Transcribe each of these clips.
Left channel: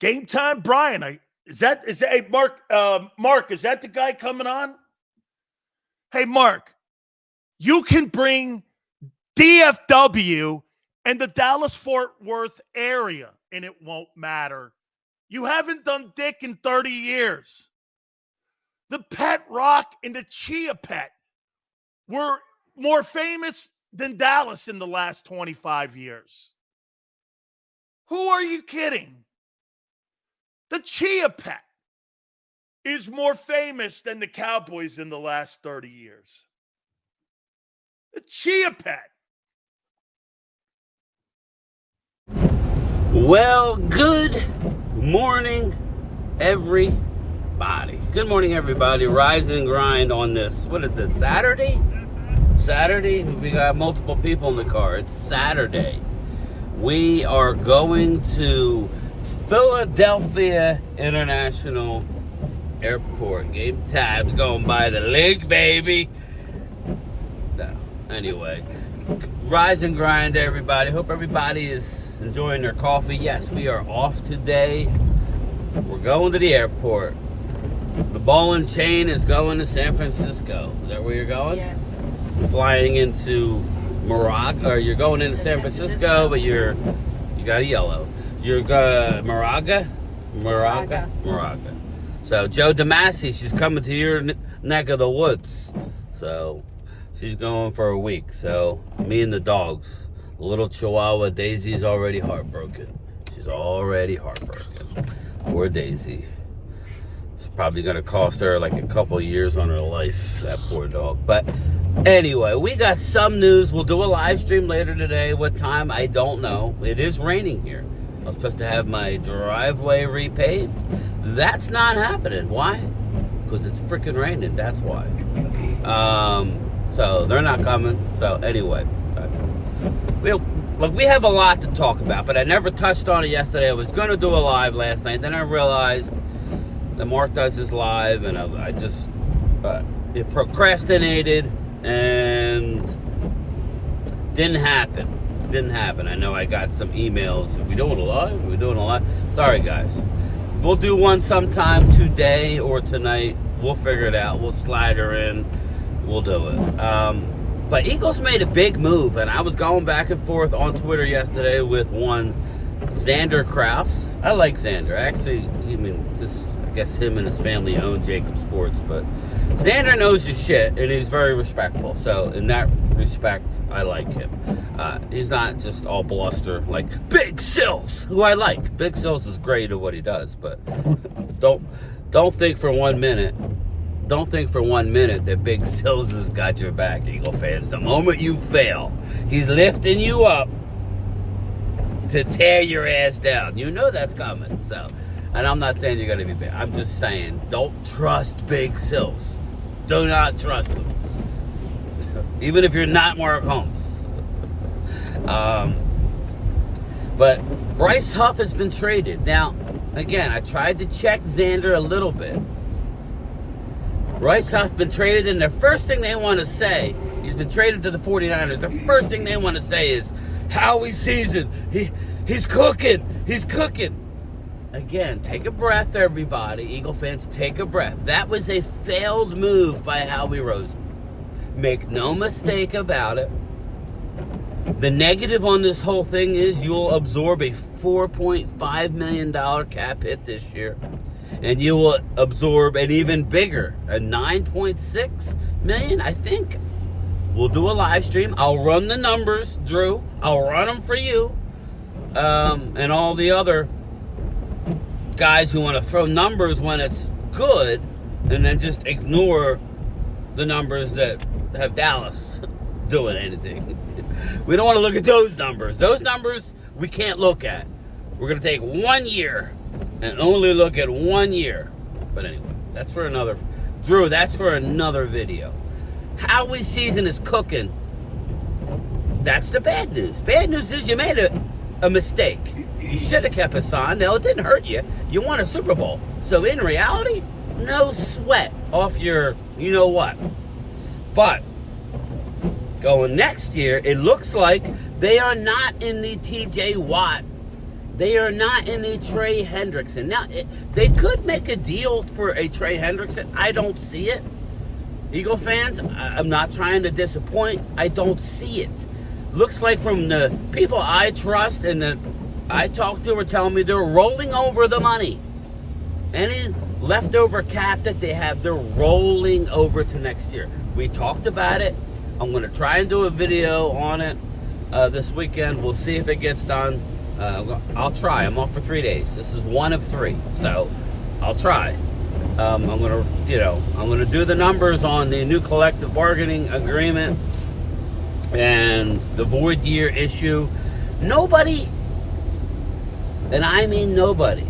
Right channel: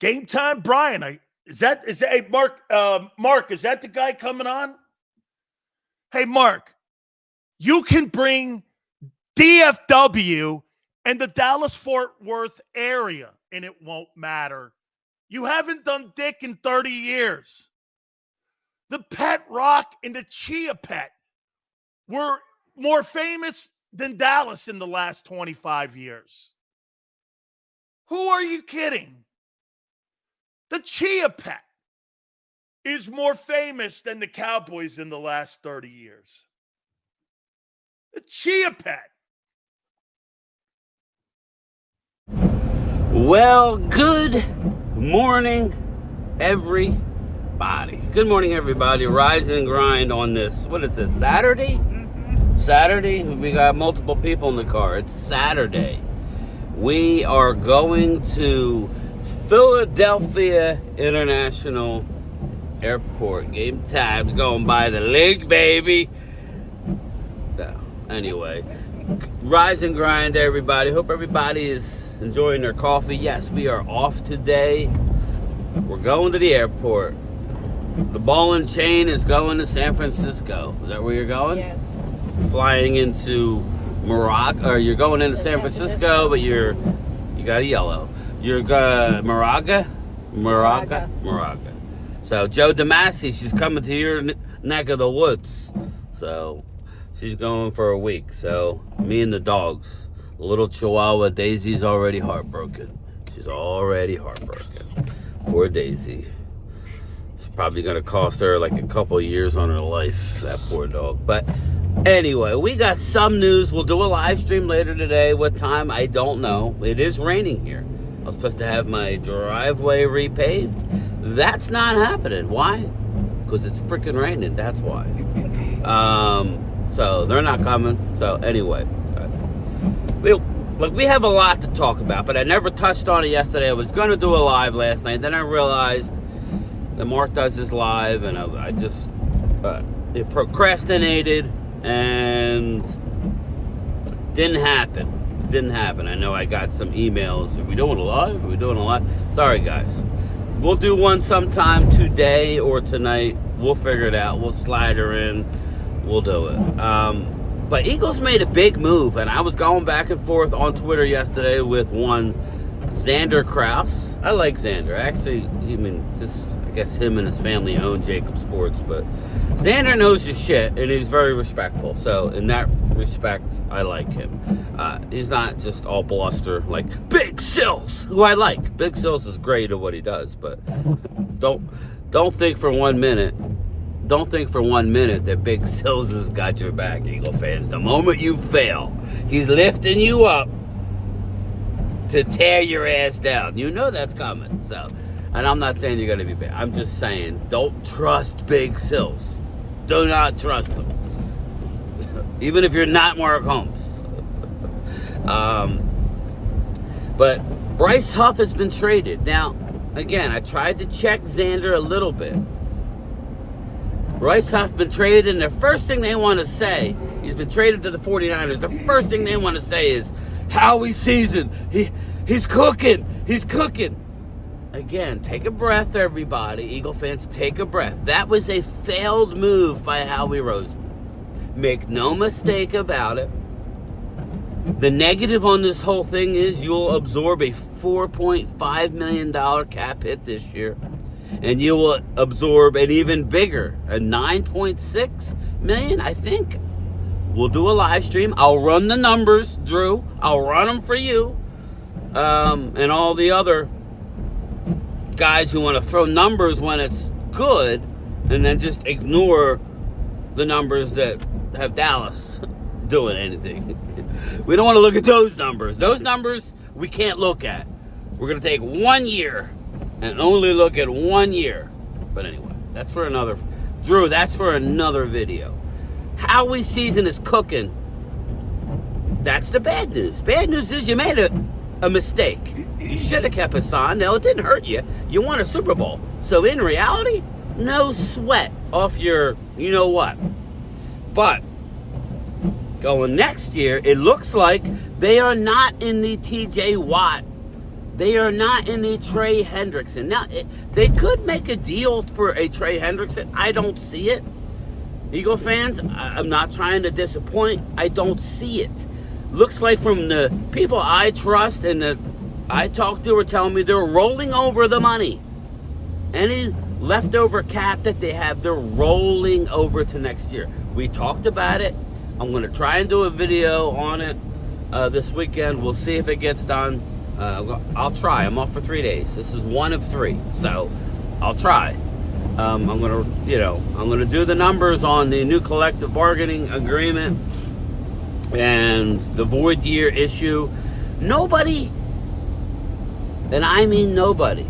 Game time, Brian. Hey, Mark, is that the guy coming on? Hey, Mark, you can bring DFW and the Dallas-Fort Worth area, and it won't matter. You haven't done dick in 30 years. The Pet Rock and the Chia Pet were more famous than Dallas in the last 25 years. Who are you kidding? The Chia Pet is more famous than the Cowboys in the last 30 years. The Chia Pet. Well, good morning, everybody. Good morning, everybody. Rise and grind on this. What is this, Saturday? Saturday? We got multiple people in the car. It's Saturday. We are going to Philadelphia International Airport. Game time's going by the linc, baby. No. Anyway, rise and grind, everybody. Hope everybody is enjoying their coffee. Yes, we are off today. We're going to the airport. The ball and chain is going to San Francisco. Is that where you're going? Yes. You're flying into Moraga, or you're going into San Francisco, but you got a yellow. You're Moraga. So Joe DeMasi, she's coming to your neck of the woods. So she's going for a week. So me and the dogs. Little Chihuahua Daisy's already heartbroken. She's already heartbroken. Poor Daisy. It's probably going to cost her like a couple of years on her life, that poor dog. But anyway, we got some news. We'll do a live stream later today. What time? I don't know. It is raining here. I was supposed to have my driveway repaved. That's not happening. Why? Because it's freaking raining. That's why. So they're not coming. So anyway. We have a lot to talk about, but I never touched on it yesterday. I was going to do a live last night. Then I realized that Mark does his live, and I just procrastinated, and didn't happen. I know I got some emails. Are we doing a live? Are we doing a live? Sorry, guys. We'll do one sometime today or tonight. We'll figure it out. We'll slide her in. We'll do it. But Eagles made a big move, and I was going back and forth on Twitter yesterday with one Xander Kraus. I like Xander. Actually, I guess him and his family own Jacob Sports, but Xander knows his shit, and he's very respectful. So in that respect, I like him. He's not just all bluster like Big Sills, who I like. Big Sills is great at what he does, but don't think for 1 minute. Don't think for 1 minute that Big Sills has got your back, Eagle fans. The moment you fail, he's lifting you up to tear your ass down. You know that's coming. So, and I'm not saying you're going to be bad. I'm just saying, don't trust Big Sills. Do not trust him. Even if you're not Mark Holmes. But Bryce Huff has been traded. Now, again, I tried to check Xander a little bit. Bryce Huff been traded, and the first thing they want to say, he's been traded to the 49ers. The first thing they want to say is, Howie's season, he's cooking. Again, take a breath, everybody. Eagle fans, take a breath. That was a failed move by Howie Roseman. Make no mistake about it. The negative on this whole thing is you'll absorb a $4.5 million cap hit this year. And you will absorb an even bigger, a $9.6 million, I think. We'll do a live stream. I'll run the numbers, Drew. I'll run them for you. And all the other guys who want to throw numbers when it's good and then just ignore the numbers that have Dallas doing anything. We don't want to look at those numbers. Those numbers we can't look at. We're going to take 1 year and only look at 1 year. But anyway, that's for another video. Howie's season is cooking. That's the bad news. Bad news is you made a mistake. You should have kept Hassan. Now, it didn't hurt you. You won a Super Bowl. So in reality, no sweat off your you-know-what. But going next year, it looks like they are not in the TJ Watt They are not in a Trey Hendrickson. Now, they could make a deal for a Trey Hendrickson. I don't see it. Eagle fans, I'm not trying to disappoint. I don't see it. Looks like from the people I trust and that I talk to are telling me they're rolling over the money. Any leftover cap that they have, they're rolling over to next year. We talked about it. I'm going to try and do a video on it this weekend. We'll see if it gets done. I'll try. I'm off for 3 days. This is one of 3, so I'll try. I'm gonna do the numbers on the new collective bargaining agreement and the void year issue. Nobody, and I mean nobody,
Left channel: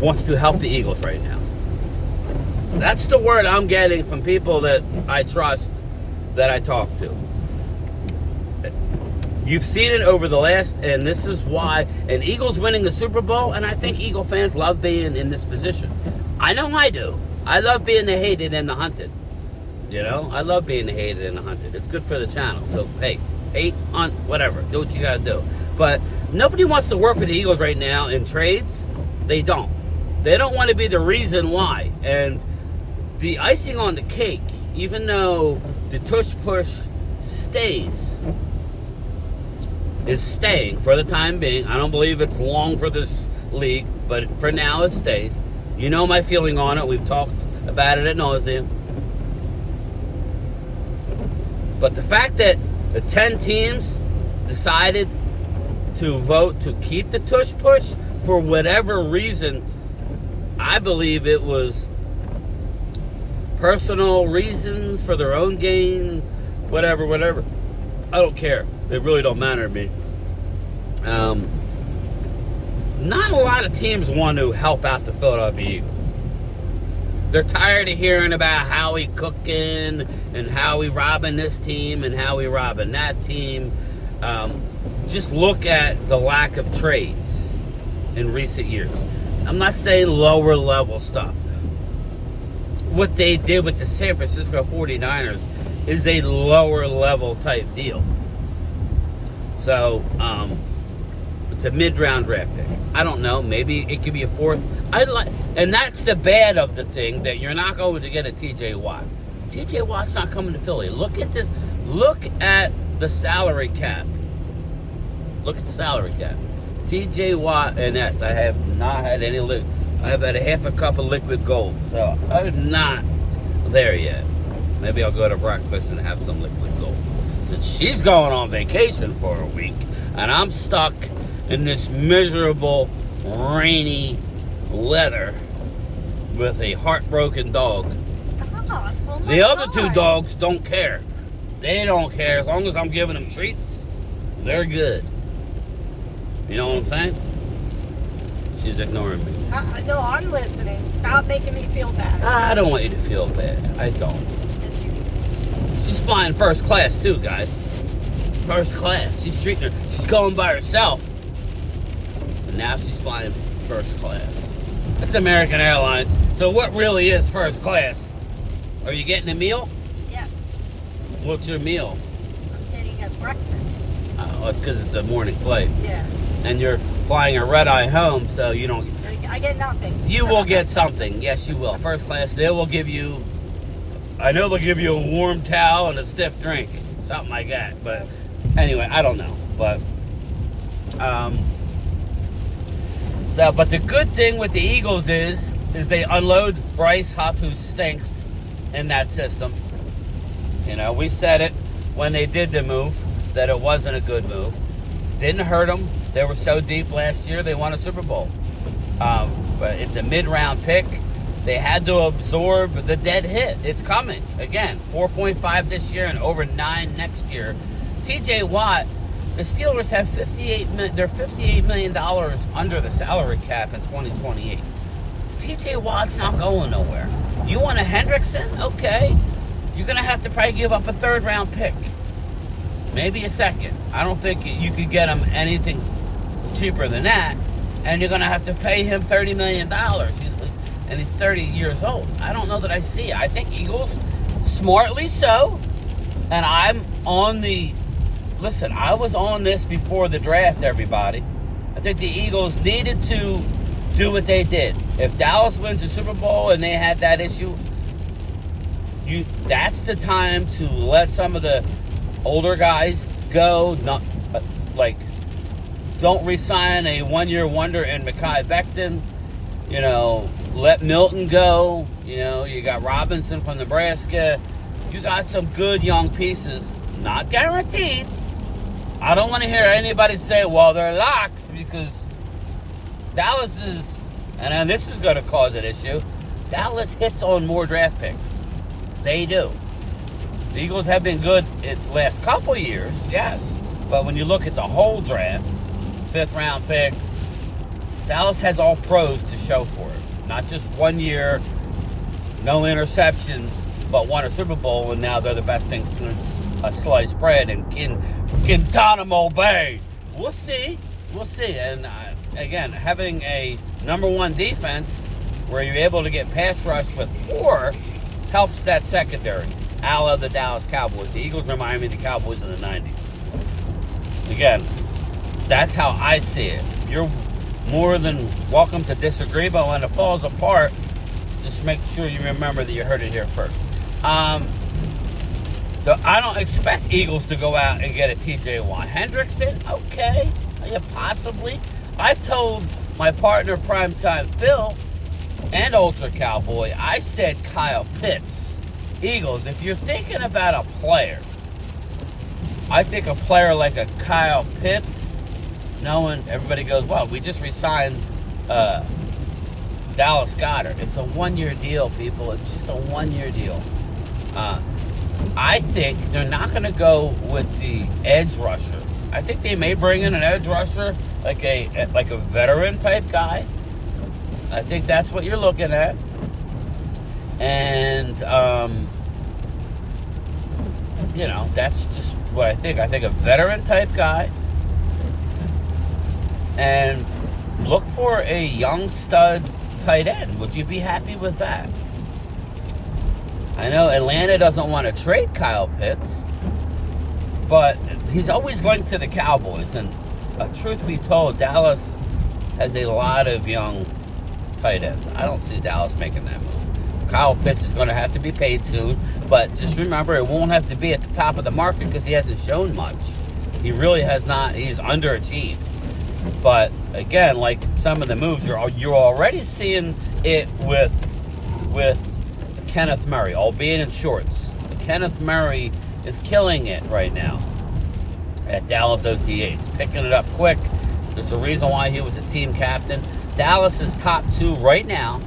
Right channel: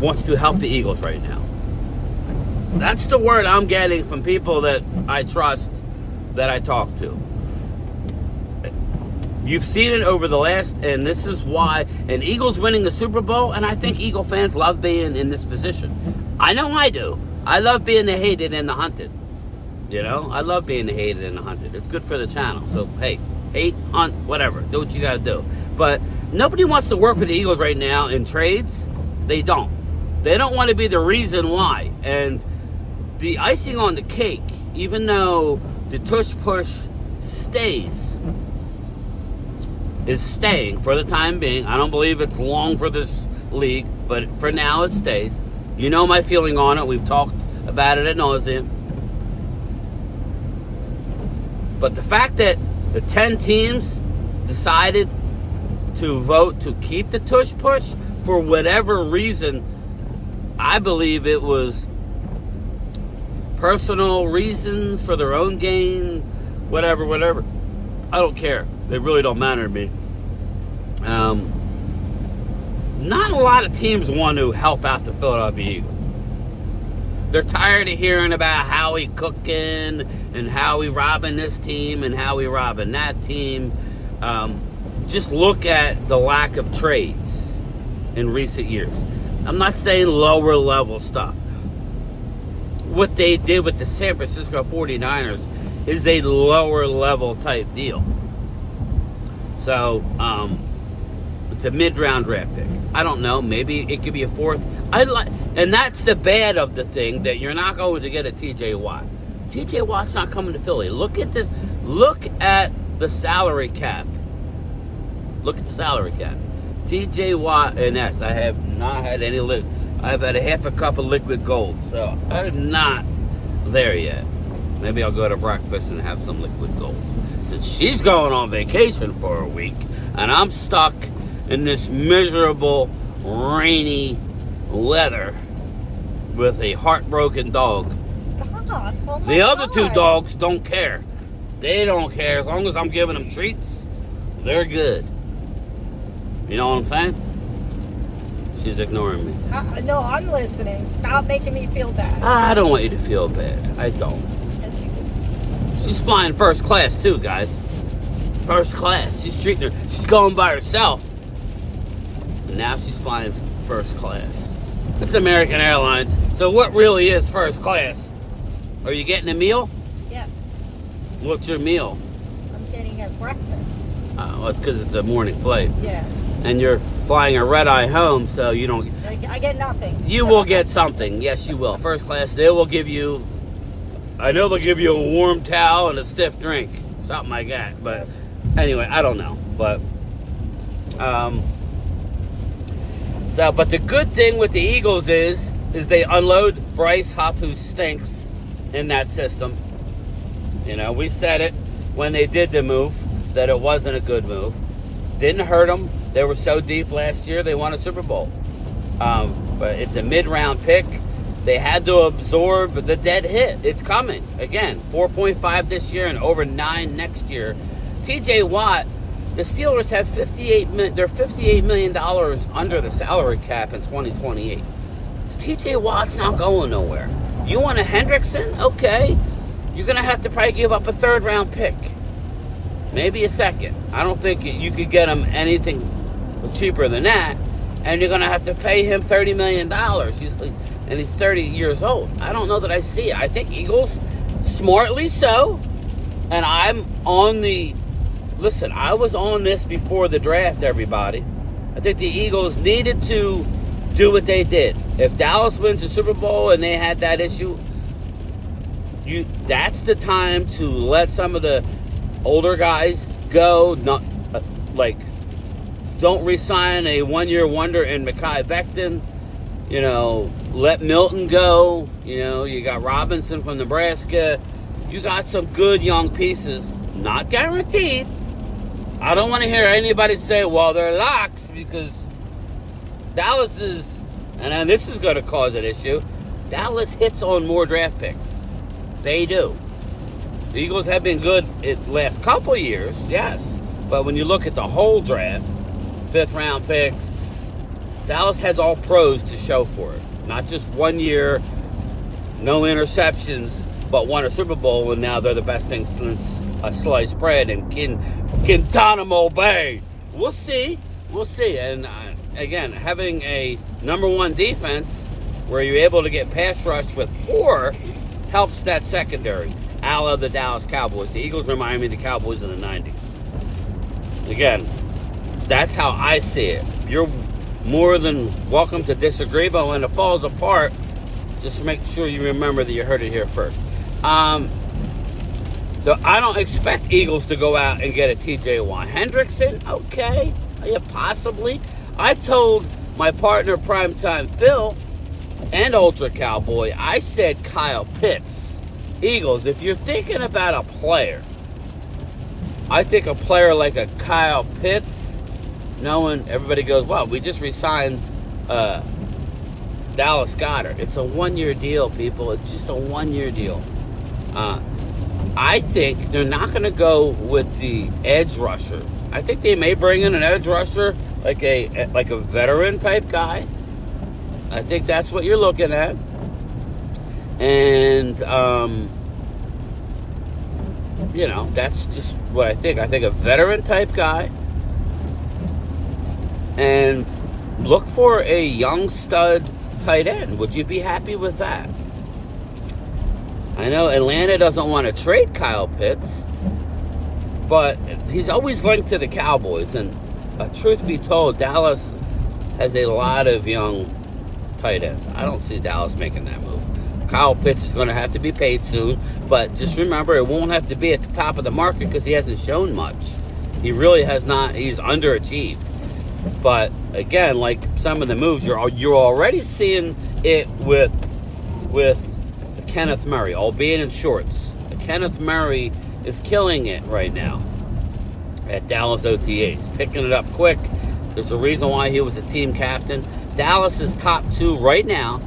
wants to help the Eagles right now. That's the word I'm getting from people that I trust, that I talk to. You've seen it over the last, and this is why, and Eagles winning the Super Bowl, and I think Eagle fans love being in this position. I know I do. I love being the hated and the hunted. You know, I love being the hated and the hunted. It's good for the channel. So, hey, hate, hunt, whatever. Do what you got to do. But nobody wants to work with the Eagles right now in trades. They don't. They don't want to be the reason why. And the icing on the cake, even though the tush-push stays, is staying for the time being. I don't believe it's long for this league, but for now it stays. You know my feeling on it. We've talked about it ad nauseum. But the fact that the 10 teams decided to vote to keep the tush push for whatever reason, I believe it was personal reasons for their own gain, whatever. I don't care. It really don't matter to me. Not a lot of teams want to help out the Philadelphia Eagles. They're tired of hearing about Howie cooking and Howie robbing this team and Howie robbing that team. Just look at the lack of trades in recent years. I'm not saying lower level stuff. What they did with the San Francisco 49ers is a lower level type deal. So, it's a mid-round draft pick. I don't know. Maybe it could be a 4th. And that's the bad of the thing, that you're not going to get a TJ Watt. TJ Watt's not coming to Philly. Look at this. Look at the salary cap. Look at the salary cap. TJ Watt and S. I have not had any. I've had a half a cup of liquid gold. So I'm not there yet. Maybe I'll go to breakfast and have some liquid gold. Since she's going on vacation for a week, and I'm stuck in this miserable, rainy weather with a heartbroken dog. Stop. Oh my The other God. 2 dogs don't care. They don't care. As long as I'm giving them treats, they're good. You know what I'm saying? She's ignoring me. No, I'm listening. Stop making me feel bad. I don't want you to feel bad. I don't. She's flying first class too, guys. First class. She's going by herself. And now she's flying first class. That's American Airlines. So what really is first class? Are you getting a meal? Yes. What's your meal? I'm getting a breakfast. Oh, it's because it's a morning flight. Yeah. And you're flying a red-eye home, so you don't... I get nothing. You will get something. Yes, you will. First class, they will give you... I know they'll give you a warm towel and a stiff drink. Something like that. But anyway, I don't know. But... But the good thing with the Eagles is they unload Bryce Huff, who stinks in that system. You know, we said it when they did the move, that it wasn't a good move. Didn't hurt them. They were so deep last year, they won a Super Bowl. But it's a mid-round pick. They had to absorb the dead hit. It's coming. Again, 4.5 this year and over 9 next year. TJ Watt, the Steelers have they're $58 million under the salary cap in 2028. TJ Watt's not going nowhere. You want a Hendrickson? Okay. You're going to have to probably give up a 3rd-round pick. Maybe a 2nd. I don't think you could get him anything cheaper than that. And you're going to have to pay him $30 million. And he's 30 years old. I don't know that I see it. I think Eagles, smartly so, and I'm on the listen, I was on this before the draft, everybody. I think the Eagles needed to do what they did. If Dallas wins the Super Bowl and they had that issue, that's the time to let some of the older guys go. Not don't re-sign a one-year wonder in Mekhi Becton. Let Milton go. You got Robinson from Nebraska. You got some good young pieces. Not guaranteed. I don't want to hear anybody say, well, they're locks, because Dallas is, and then this is going to cause an issue, Dallas hits on more draft picks. They do. The Eagles have been good the last couple years, yes. But when you look at the whole draft, 5th round picks, Dallas has all pros to show for it. Not just 1 year, no interceptions, but won a Super Bowl, and now they're the best thing since sliced bread in Guantanamo Bay. We'll see. And again, having a number 1 defense where you're able to get pass rush with 4 helps that secondary. A la the Dallas Cowboys. The Eagles remind me of the Cowboys in the 90s. Again, that's how I see it. You're more than welcome to disagree, but when it falls apart, just make sure you remember that you heard it here first. So I don't expect Eagles to go out and get a T.J. Watt. Hendrickson, okay, yeah, possibly. I told my partner Primetime Phil and Ultra Cowboy, I said Kyle Pitts. Eagles, if you're thinking about a player, I think a player like a Kyle Pitts, knowing everybody goes, well, we just re-signed Dallas Goedert. It's a 1-year deal, people. It's just a 1-year deal. I think they're not going to go with the edge rusher. I think they may bring in an edge rusher, like a veteran type guy. I think that's what you're looking at. And, that's just what I think. I think a veteran type guy. And look for a young stud tight end. Would you be happy with that? I know Atlanta doesn't want to trade Kyle Pitts, but he's always linked to the Cowboys. And truth be told, Dallas has a lot of young tight ends. I don't see Dallas making that move. Kyle Pitts is going to have to be paid soon, but just remember, it won't have to be at the top of the market because he hasn't shown much. He really has not. He's underachieved. But again, like some of the moves, you're already seeing it with Kenneth Murray, albeit in shorts. Kenneth Murray is killing it right now at Dallas OTAs, picking it up quick. There's a reason why he was a team captain. Dallas's top 2 right now.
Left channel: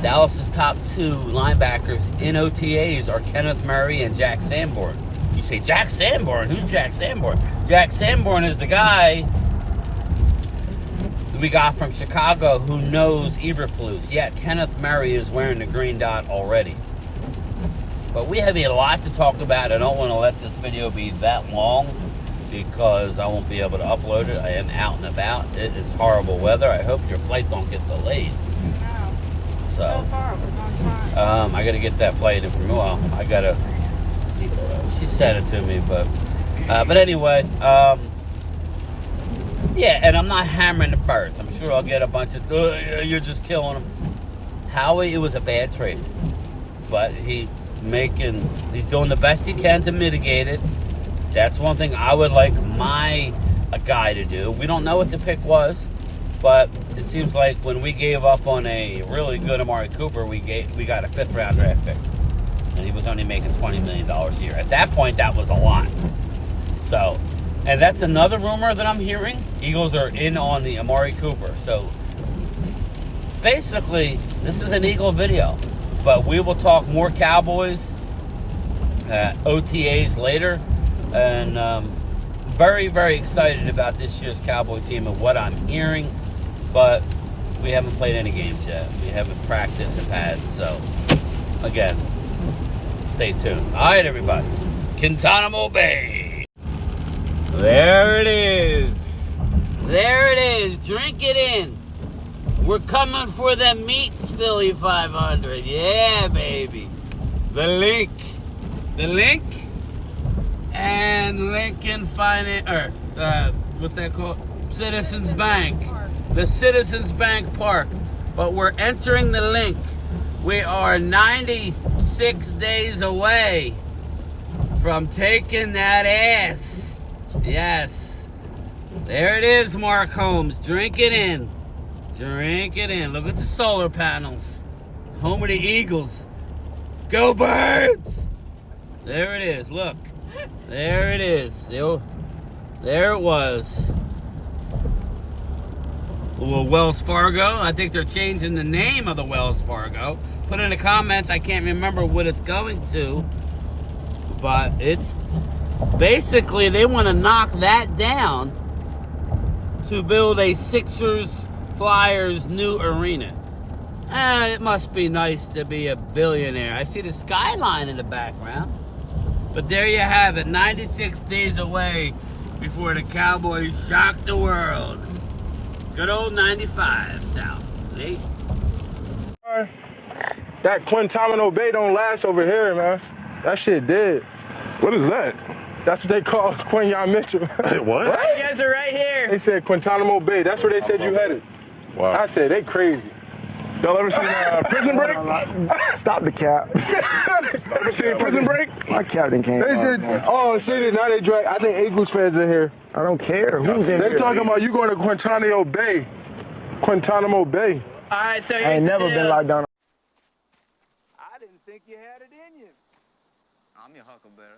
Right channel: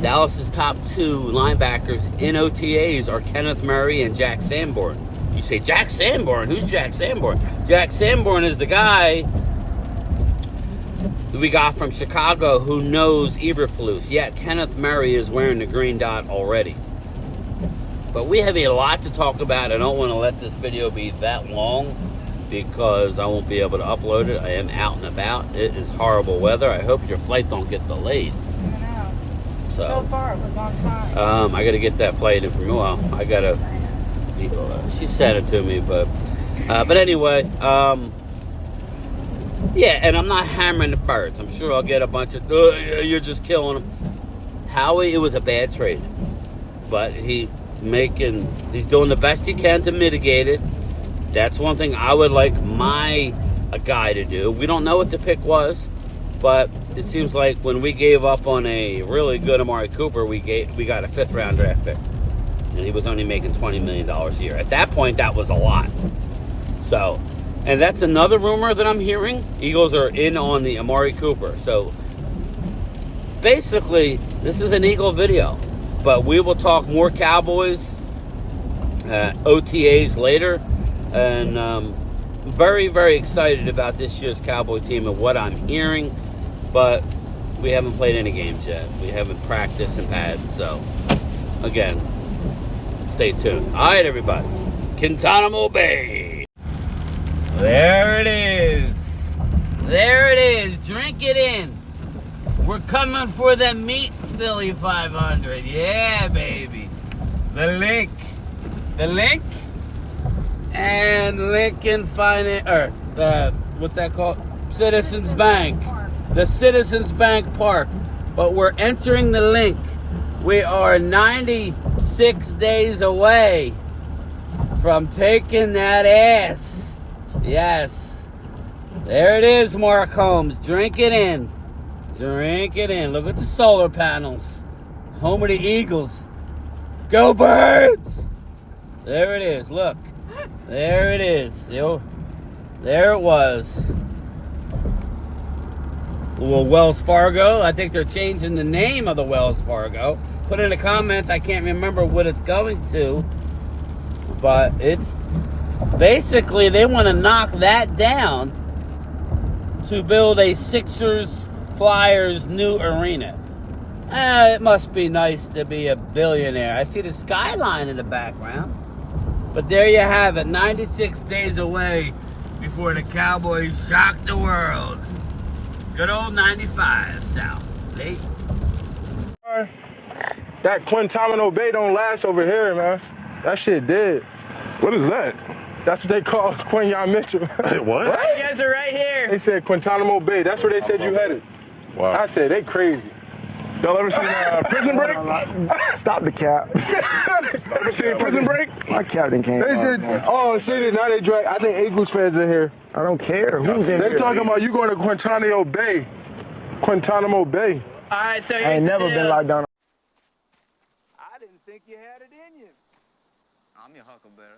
Dallas's top 2 linebackers in OTAs are Kenneth Murray and Jack Sanborn. You say, Jack Sanborn? Who's Jack Sanborn? Jack Sanborn is the guy that we got from Chicago who knows Eberflus. Yet Kenneth Murray is wearing the green dot already. But we have a lot to talk about. I don't want to let this video be that long because I won't be able to upload it. I am out and about. It is horrible weather. I hope your flight don't get delayed. So far, it was on time. I got to get that flight in from I got to. She sent it to me, but anyway, yeah. And I'm not hammering the birds. I'm sure I'll get a bunch of. You're just killing them. Howie, it was a bad trade, but he's doing the best he can to mitigate it. That's one thing I would like a guy to do. We don't know what the pick was. But it seems like when we gave up on a really good Amari Cooper, we got a 5th round draft pick. And he was only making $20 million a year. At that point, that was a lot. So, and that's another rumor that I'm hearing. Eagles are in on the Amari Cooper. So, basically, this is an Eagle video. But we will talk more Cowboys, OTAs later. And very, very excited about this year's Cowboy team and what I'm hearing. But we haven't played any games yet. We haven't practiced and pads. So, again, stay tuned. All right, everybody. Guantanamo Bay. There it is. There it is. Drink it in. We're coming for the Meats Philly 500. Yeah, baby. The link. The link. and Lincoln Finance, or what's that called? Citizens Bank. The Citizens Bank Park. But we're entering the link. We are 96 days away from taking that ass. Yes. There it is, Mark Holmes. Drink it in. Drink it in. Look at the solar panels. Home of the Eagles. Go Birds! There it is. Look. There it is. There it was. Well, Wells Fargo. I think they're changing the name of the Wells Fargo. Put in the comments. I can't remember what it's going to. But it's basically they want to knock that down to build a Sixers Flyers new arena. It must be nice to be a billionaire. I see the skyline in the background. But there you have it. 96 days away before the Cowboys shock the world. Good old 95 South. Late. That Guantanamo Bay don't last over here, man. That shit dead. What is that? That's what they call Quinyon Mitchell. What? You guys are right here. They said Guantanamo Bay. That's where they said you headed. Wow. I said, they crazy. Y'all ever seen Prison Break? Stop the cap. Ever seen Prison Break? My captain came. They said, oh, see, now they drag. I think Eagles fans in here. I don't care who's in They here. talking about you going to Guantanamo Bay. Guantanamo Bay. All right, so I here's ain't the never deal. been locked down. I didn't think you had it in you. I'm your huckleberry.